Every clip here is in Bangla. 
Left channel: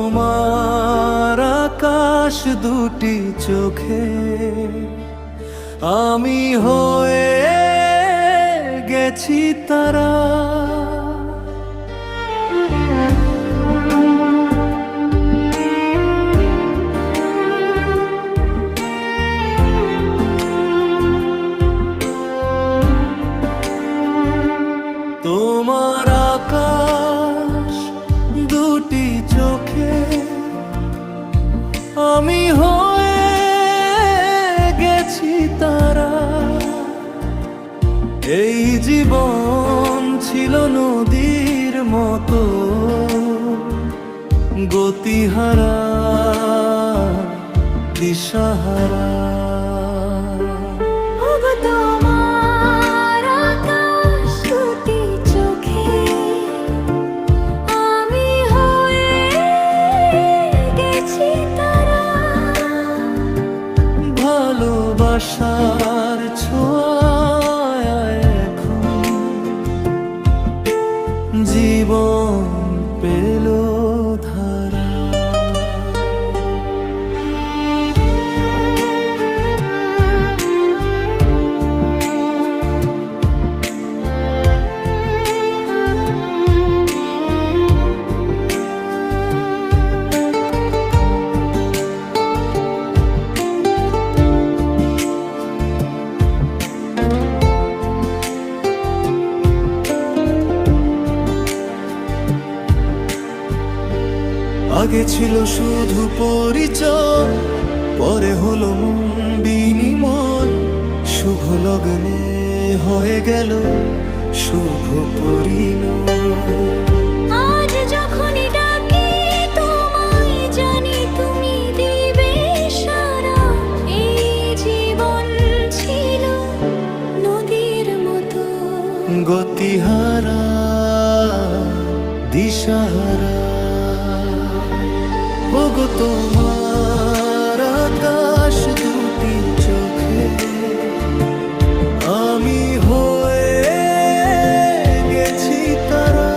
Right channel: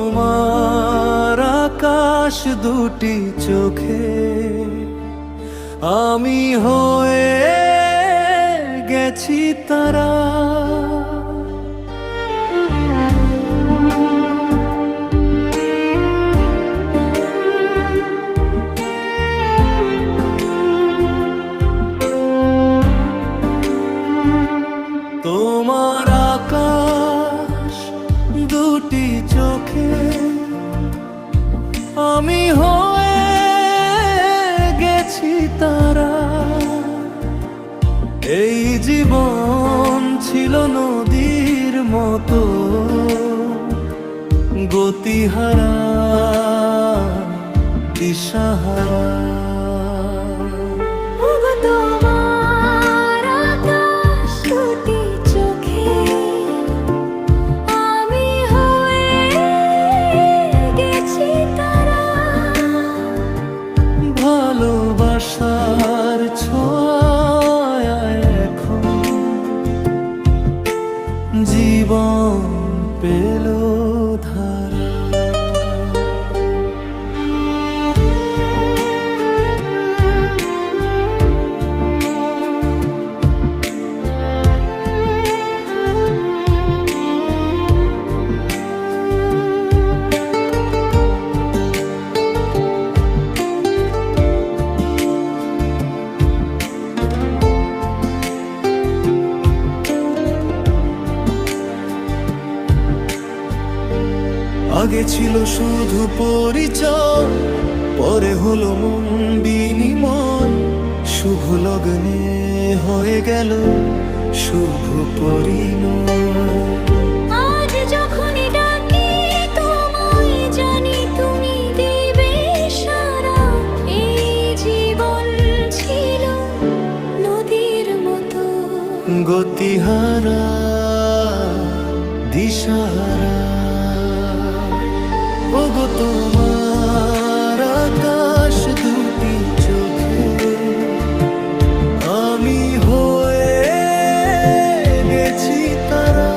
তোমার আকাশ দুটি চোখে আমি হয়ে গেছি তারা। তোমার আকাশ দুটি চোখে আমি হয়ে গেছি তারা। এই জীবন ছিল নদীর মতো গতিহারা দিশাহারা। ওগো তোমার আকাশ দুটি চোখে আমি হয়ে গেছি তারা। ভালোবাসার ছোঁয়ায় এখন জীবন পেল ধারা। আগে ছিল শুধু পরিচয়, পরে হলো মন বিনিময়। শুভ লগ্নে হয়ে গেল শুভ পরিণয়। আজ যখনই ডাকি তোমায় জানি তুমি দিবে সারা। এই জীবন ছিল নদীর মতো গতিহারা দিশাহারা। ওগো তোমার আকাশ দুটি চোখে আমি হয়ে গেছি তারা।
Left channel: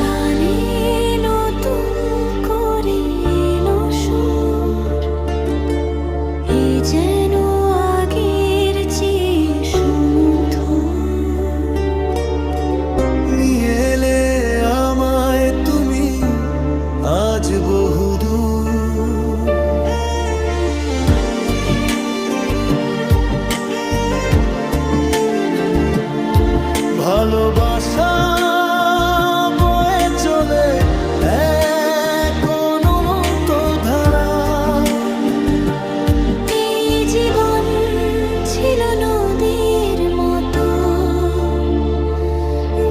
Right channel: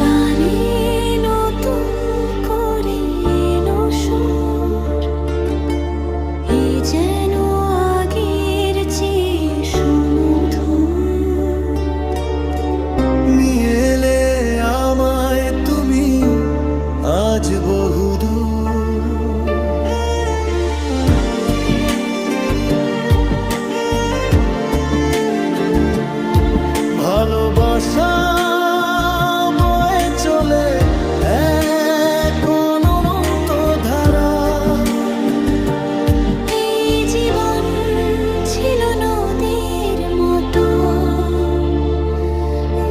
গানে নতুন করে এলো সুর, এ যেন আগের চেয়ে সুমধুর। নিয়ে এলে আমায় তুমি আজ বহুদূর। ভালোবাসা বয়ে চলে এক অনন্ত ধারা। এই জীবন ছিল নদীর মতো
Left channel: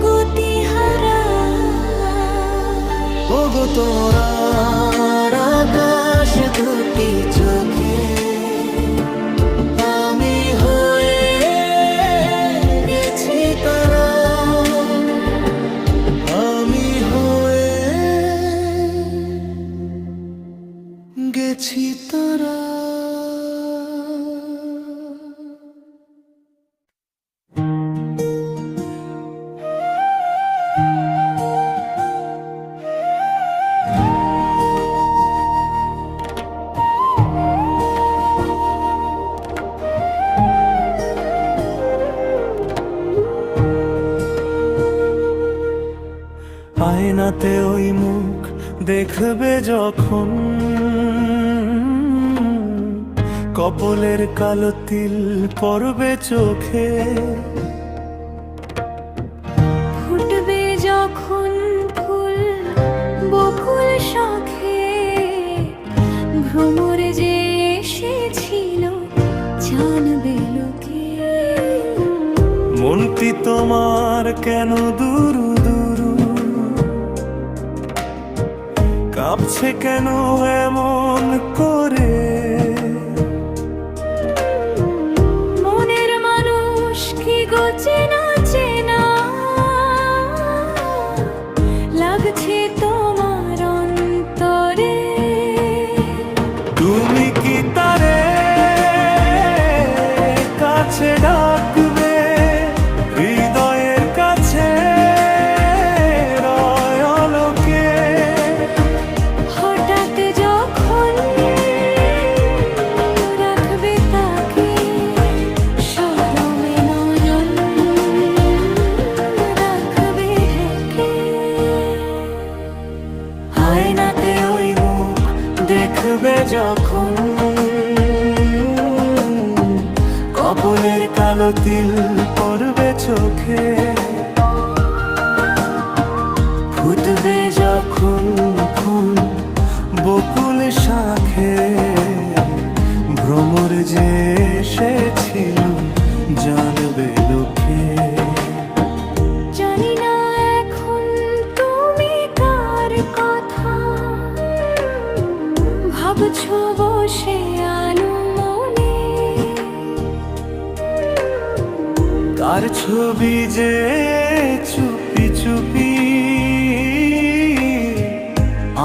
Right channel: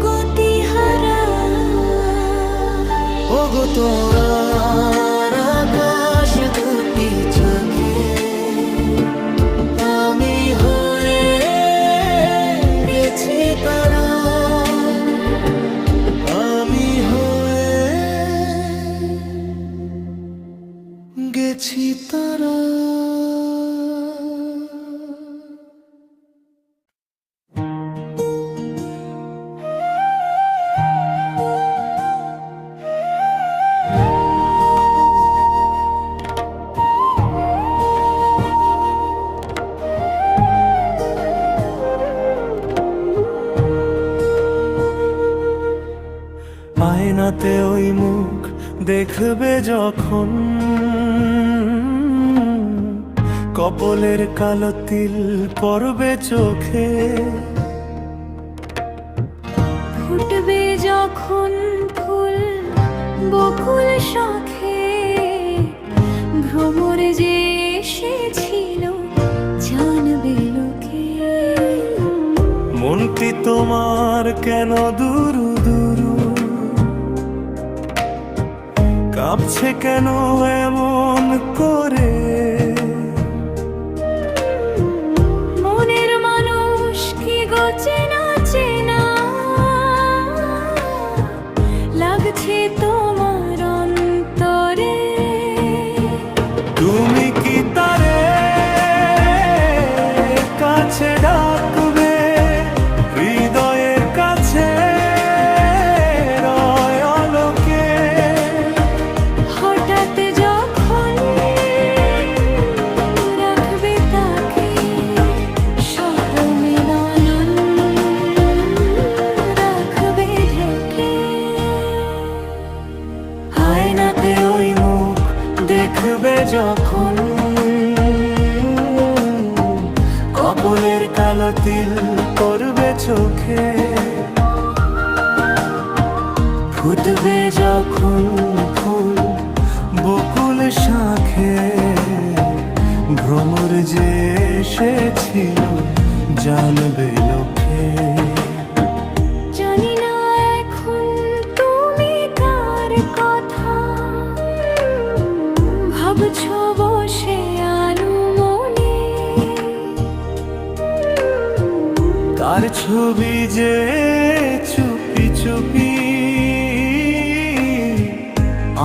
গতিহারা। ওগো তোমার আকাশ দুটি চোখে আমি হয়ে গেছি তারা। আমি হয়ে গেছি তারা। আয়নাতে ওই মুখ দেখবে যখন, কপলের কালো তিল পড়বে চোখে। ফুটবে যখন ফুল বকুল শখে, ভ্রমরে যে এসেছিল জানবে লোকে। মনটি তোমার কেন দুরু দুরু, কাঁপছে কেন এমন করে? মনের মানুষ কি গো চেনা চেনা লাগছে তোমার অন্তরে। তুমি কি তারে কাছে ডাকবে, হৃদয়ের কাছে রয় আলোকে? হঠাৎ যখন রাখবে তাকে সরমে নয়ন রাখবে ঢেকে। আয়নাতে ওই মুখ দেখবে যখন, কপলের কালো তিল পড়বে চোখে। ফুটবে যখন ফুল বকুল শাখে, ভ্রমর যে এসেছিল জানবে লোকে। জানি না এখন তুমি কার কথা ভাবছো বসে আনুমনে। কার ছবি যে চুপি চুপি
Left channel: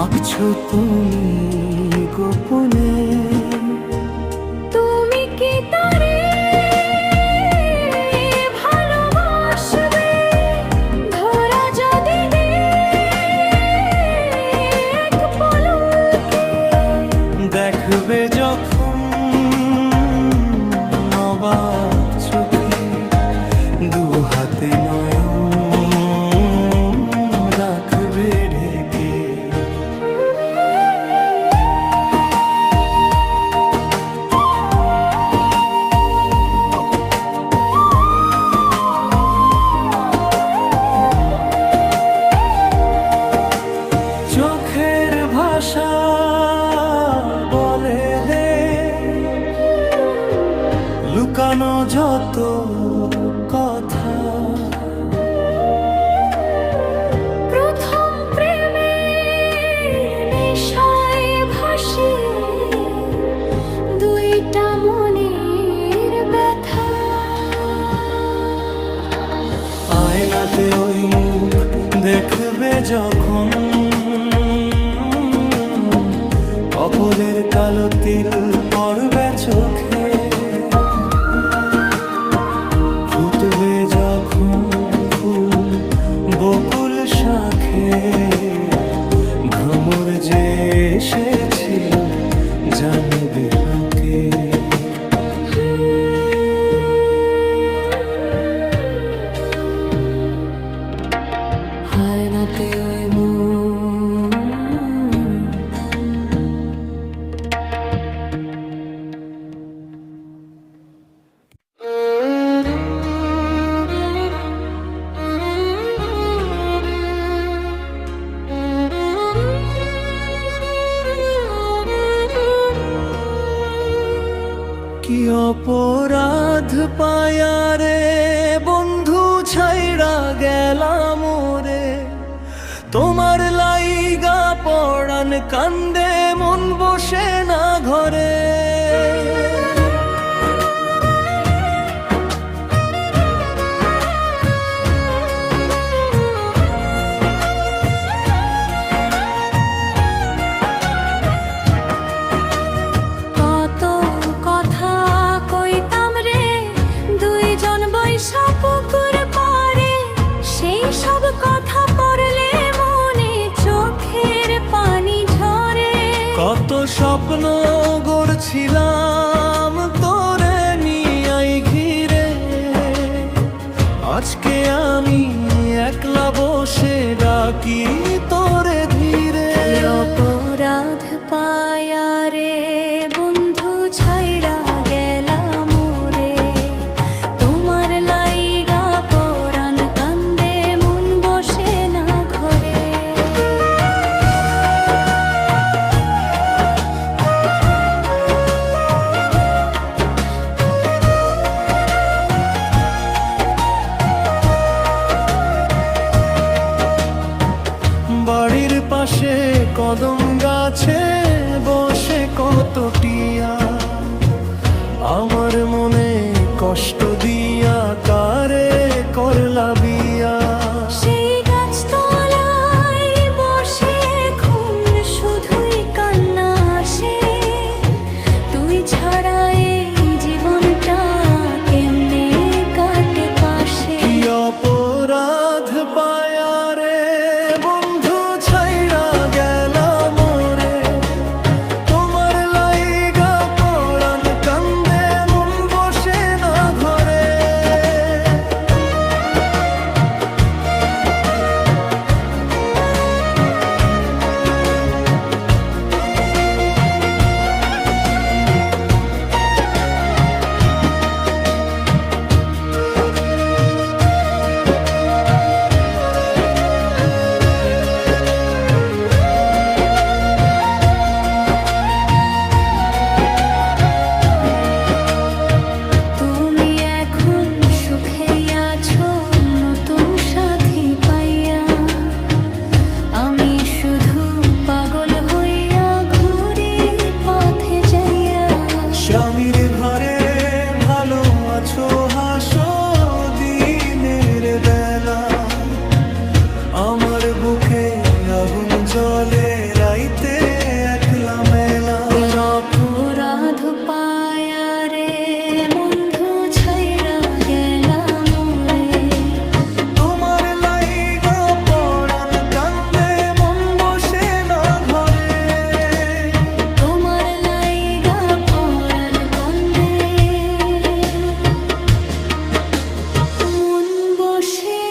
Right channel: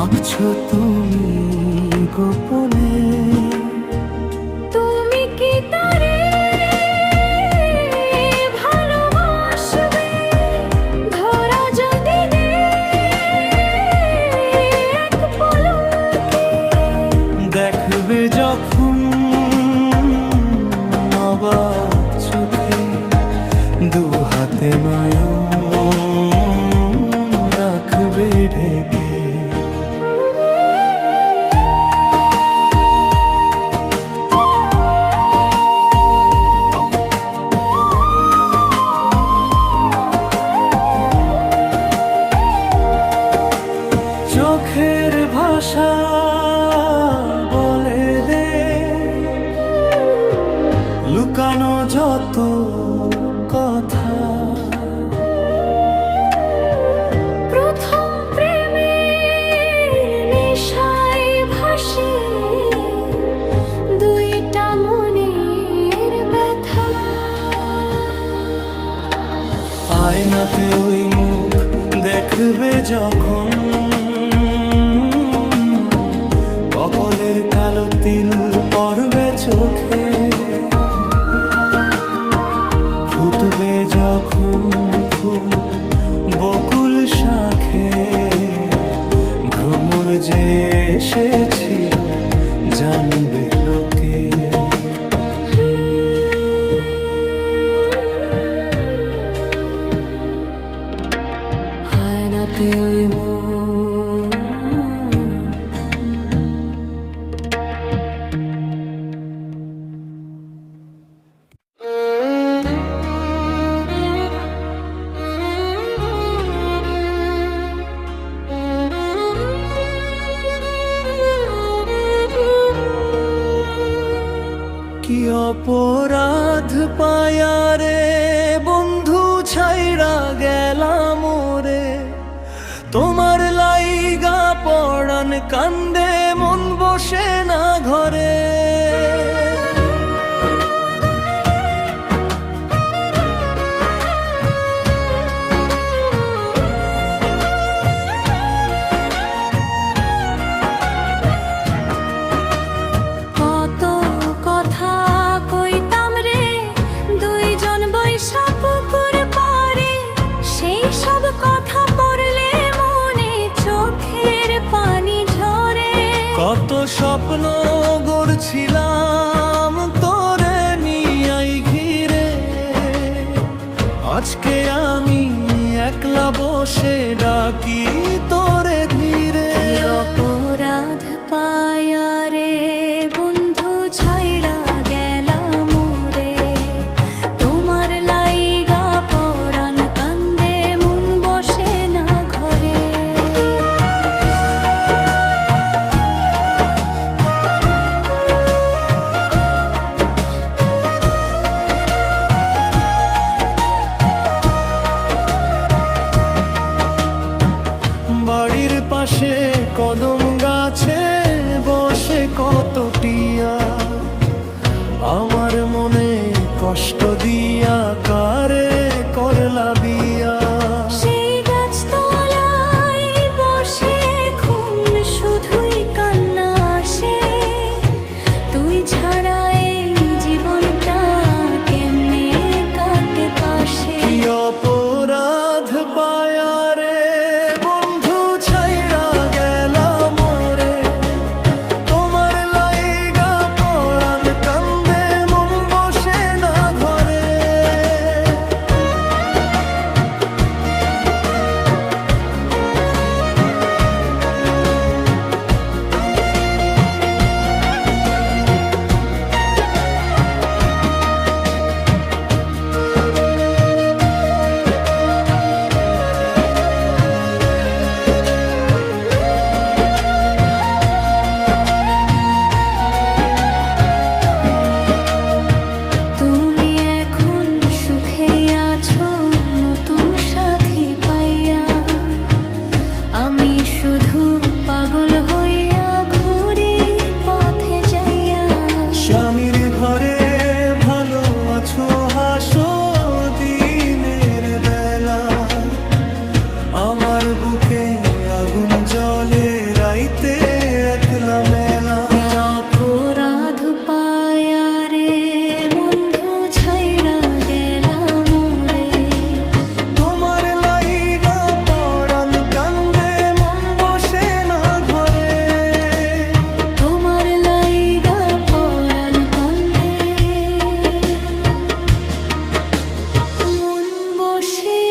আঁকছো তুমি গোপনে? তুমি কি তারে ভালোবাসবে ধরা যদি দে এক পলকে। দেখবে যখন অবাক চোখে, দু হাতে নয়ন রাখবে ঢেকে। চোখের ভাষা বলে দে লুকানো যত কথা। প্রথম প্রেমের নেশায় ভাসে দুইটা মনের ব্যথা। আয়নাতে ওই মুখ দেখবে যখন, কপলের কালো তিল পড়বে চোখে। ফুটবে যখন ফুল বকুল শাখে, ভ্রমর যে এসেছিল জানবে লোকে। আয়নাতে ওই মুখ কি অপরাধ পায়ারে বন্ধু ছাইড়া গেলাম রে, তোমার লাইগা পড়ান কান্দে মন বসে না ঘরে। কত কথা কইতাম রে দুইজন বৈশা পুকুর পারে, সেই সব কথা পড়লে মনে চোখের পানি ঝরে। কত স্বপ্ন গড়ছিলাম তোরে নিয়াই ঘিরে, আজকে আমি একলা বসে ডাকি তোরে ধীরে। অপরাধ পায়া রে বন্ধু ছাইড়া গেলাম রে, তোমার লাইগা পরাণ কান্দে মন বসে না ঘরে। বাড়ির পাশে কদম গাছে বসে কত টিয়া, আমার মনে কষ্ট দিয়া কারে করলা বিয়া। সেই গাছতলায় বসে এখন শুধুই কান্না আসে, তুই ছাড়া এই জীবনটা কেমনে কাটে পাশে। কি অপরাধ পায়া রে বন্ধু ছাইড়া গেলাম মোরে, তোমার লাইগা পড়ান কান্দে মন বসে না ঘরে। সুখে আছো নতুন সাথী পাইয়া, আমি শুধু পাগল হইয়া ঘুরি পথে যাইয়া। স্বামীর ঘরে ভালো আছো হাসো দিনের বেলা, আমার বুকে আগুন জ্বলে রাইতে একলা মেলা। অপরাধ পায়া রে বন্ধু ছাইড়া গেলাম মোরে, তোমার লাইগা পড়ান কান্দে মন বসে না ঘরে। তোমার লাইগা পরাণ কান্দে মন বসে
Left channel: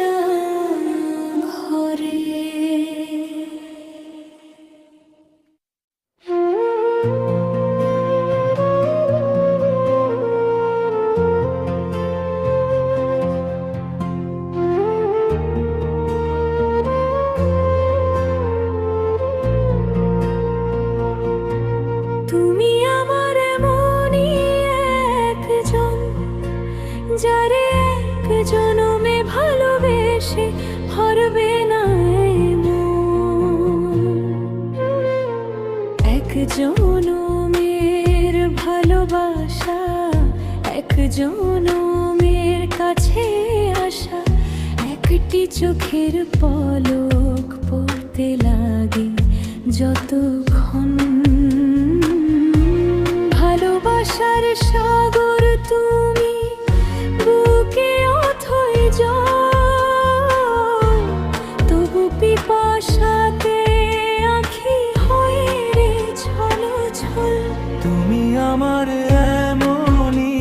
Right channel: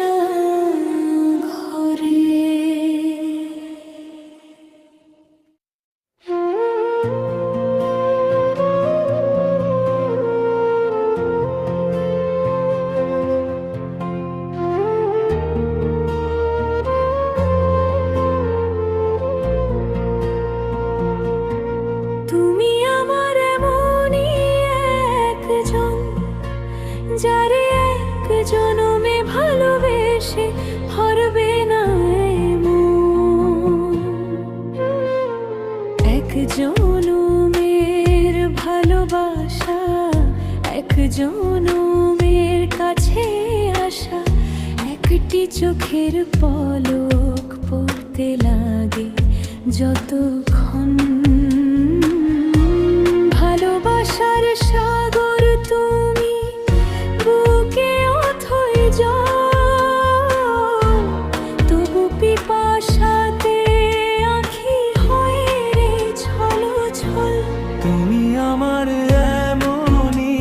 না ঘরে। তুমি আমার এমনই একজন, যারে এক জনমে ভালোবেসে হারবে না এমন। এক জনমের ভালোবাসা, এক জনমের কাছে আসা, একটি চোখের পলক পড়তে লাগে যতক্ষণ। ভালোবাসার সাগর তুমি, বুকে অথই জল, তবু পিপাসাতে আঁখি হয়ে রে ছলো ছল। তুমি আমার এমনই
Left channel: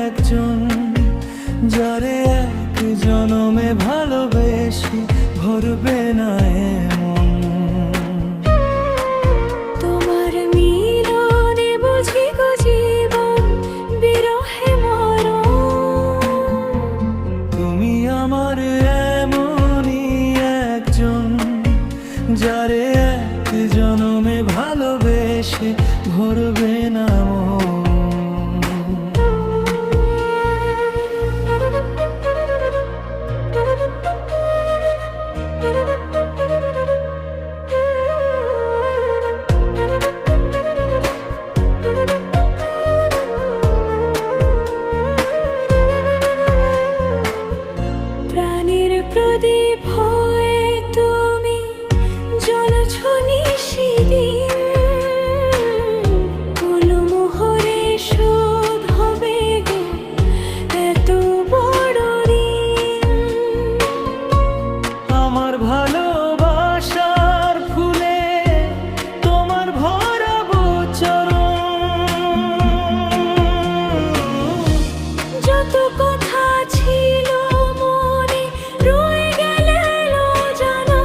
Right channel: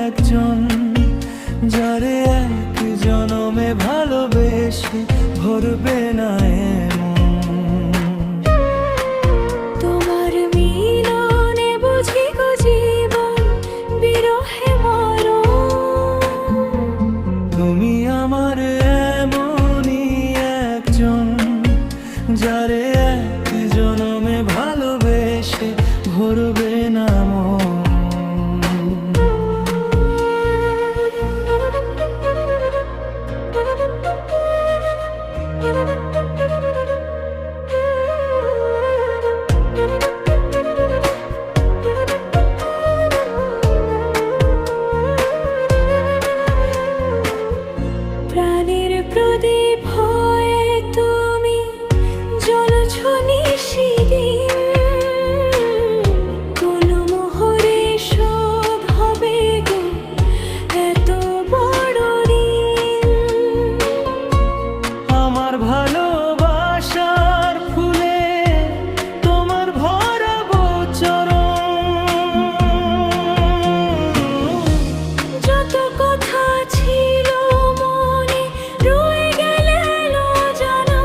একজন, যারে এক জনমে ভালোবেসে ভরবে না এমন। তোমার মিলনে বুঝি গো জীবন বিরহে মরণ। তুমি আমার এমনই একজন, যারে এক জনমে ভালোবেসে ভরবে না মন। প্রাণের প্রদীপ হয়ে তুমি জ্বলছ নিশিদিন, কোন মোহরে শোধ হবে গো এত বড় ঋণ। আমার ভালোবাসার ফুলে তোমার ভরাবো চরণ। যত কথা ছিল মনে রয়ে গেল জানা,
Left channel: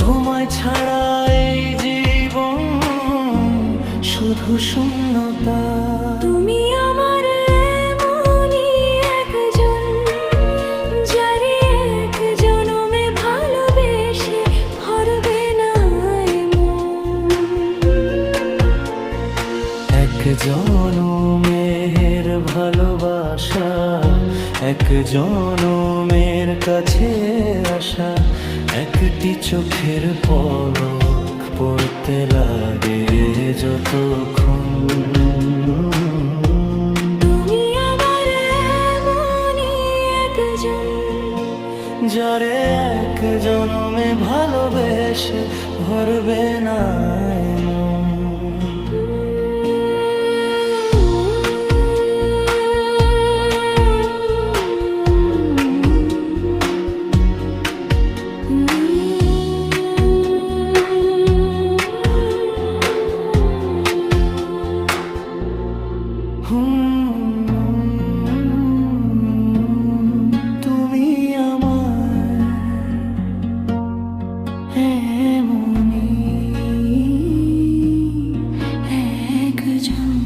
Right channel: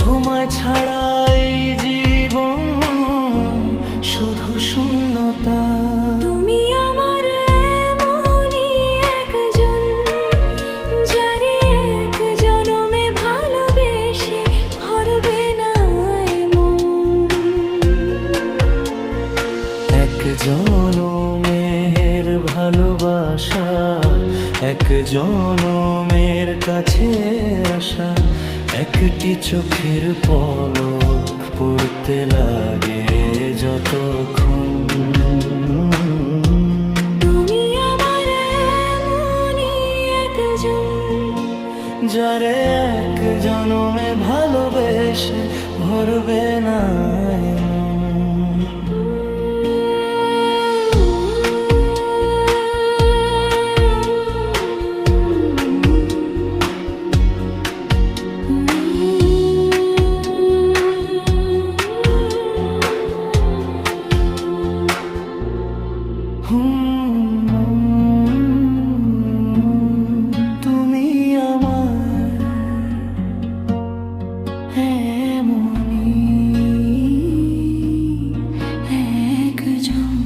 তোমায় ছাড়া এই জীবন শুধু শূন্যতা। তুমি আমার এমনই একজন, যারে এক জনমে ভালোবেসে ভরবে না এমন। এক এক জনমের ভালোবাসা, এক জনমের কাছে আসা, একটি চোখের পলক পড়তে লাগে যতক্ষণ। তুমি আমার এমনই একজন, যারে এক জনমে ভালোবেসে ভরবে না এমন। তুমি আমার এমনই একজন।